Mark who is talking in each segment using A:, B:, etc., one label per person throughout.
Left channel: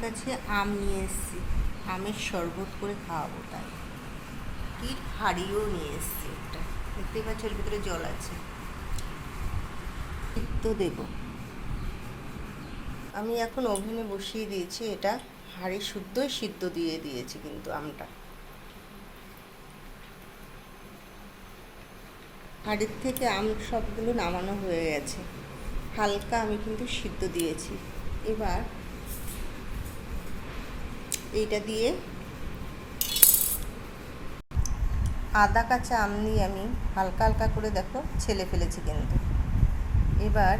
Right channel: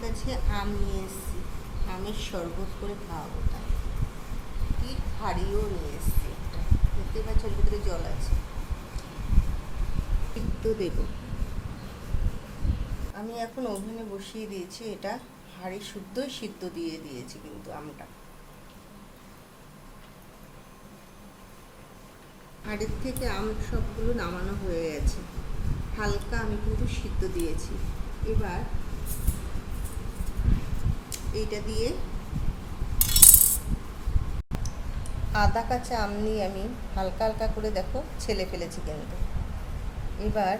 A: কাছে আম নিয়ে এসেছি। আমের শরবত করে খাওয়াবো তাই। কি হাড়িও নিয়ে এসেছি একটা। দেখতেই পাচ্ছ, এর ভিতরে জল আছে। সিদ্ধ দেব। আমি এখন ওভেনে বসিয়ে দিয়েছি, এটা হাঁড়ি শুদ্ধই সিদ্ধ দিয়ে দিয়েছি কিন্তু আমটা। হাঁড়ির থেকে আম সবগুলো নামানো হয়ে গেছে। হালকা আমি কিন্তু সিদ্ধ দিয়েছি। এবার এইটা দিয়ে। আদা কাঁচা আম নিয়ে আমি হালকা হালকা করে দেখো ছেলে ফেলেছি কিন্তু। এবার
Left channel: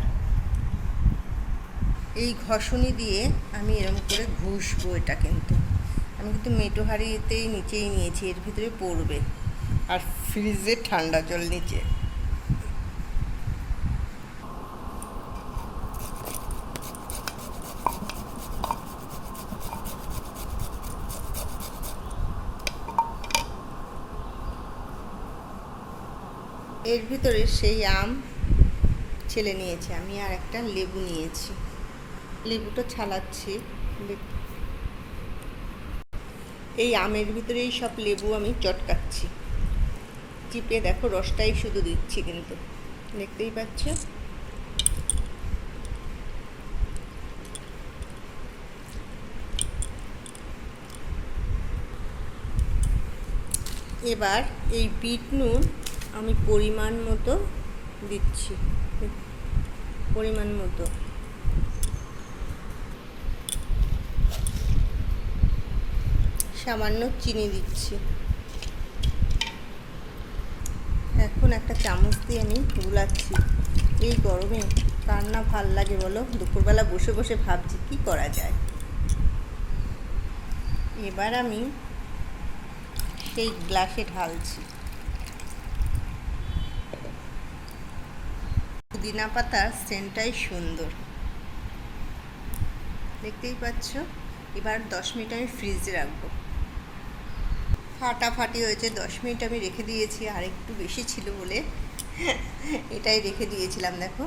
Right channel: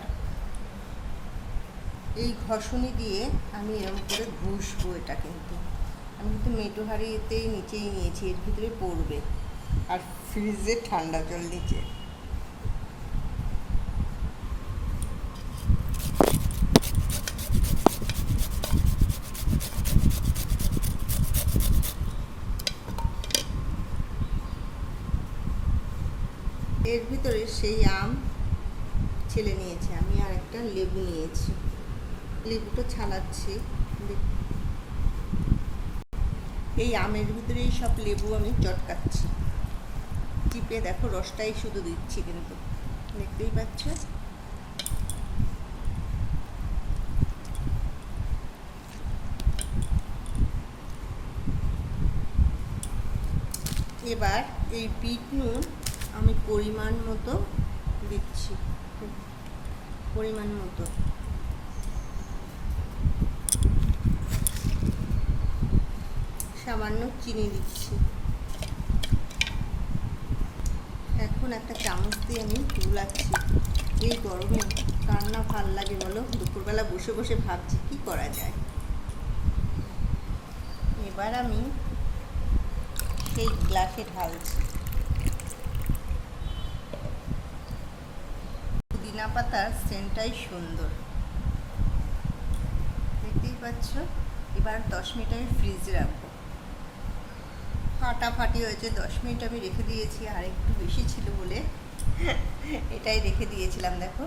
A: এই ঘষণি দিয়ে আমি এরকম করে ঘুষবো এটা কিন্তু। আমি কিন্তু মেটো হাঁড়িতেই নিচেই নিয়েছি, এর ভিতরে পড়বে। আর ফ্রিজে ঠান্ডা জল নিচে। এর ভিতরে সেই আম ছেলে নিয়েছি। আমি আর একটা লেবু নিয়েছি। লেবুটা ছালাচ্ছি। এই আমের ভিতরেই সব লেবু আমি চটকাচ্ছি। চিপে দেখো রসটাই শুধু দিচ্ছি কিন্তু। দেখতেই পাচ্ছ? এবার এই বিট নুন আমি পরিমাণ মতো দিচ্ছি। পরিমাণ মতো। সামান্য চিনি দিচ্ছি। এখন একটা চামচ দিয়ে আমি গুলাচ্ছি এই গরমে কার না ভালো লাগে বলো? দুপুরবেলা বসে বসে ভাবছি কি করা যায়। এবার আমি সেই গ্লাসে ঢালছি। পুদিনা পাতার সেন্টটাই সুন্দর। দেখতেই পাচ্ছ? এবার দশ মিনিট আমি ফ্রিজে রাখব। ফাটাফাটি হয়েছে, দশ মিনিট আমি রেখে দিয়েছি। আর একটু বেশি ছিল বলে এটাই রেখে দিয়েছিলাম, দেখো।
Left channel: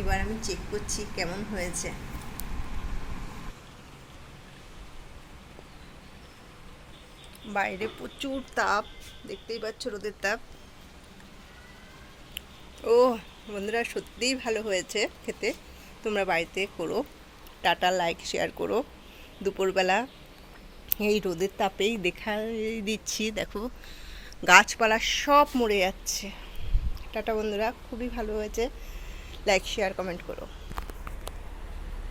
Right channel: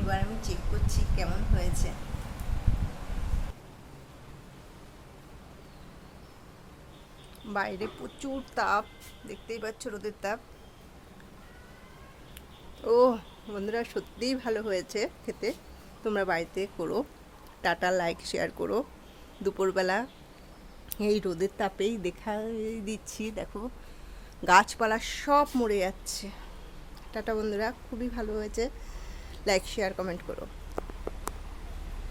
A: এবার আমি চেক করছি কেমন হয়েছে। বাইরে প্রচুর তাপ, দেখতেই পাচ্ছ রোদের তাপ। ও বন্ধুরা, সত্যিই ভালো হয়েছে খেতে। তোমরা বাড়িতে করো, টাটা লাইক শেয়ার করো। দুপুরবেলা এই রোদের তাপেই দেখা দিচ্ছি, দেখো। গাছপালা সব মরে যাচ্ছে। টাটা, বন্ধুরা, খুবই ভালো হয়েছে। লাইক শেয়ার কমেন্ট করো।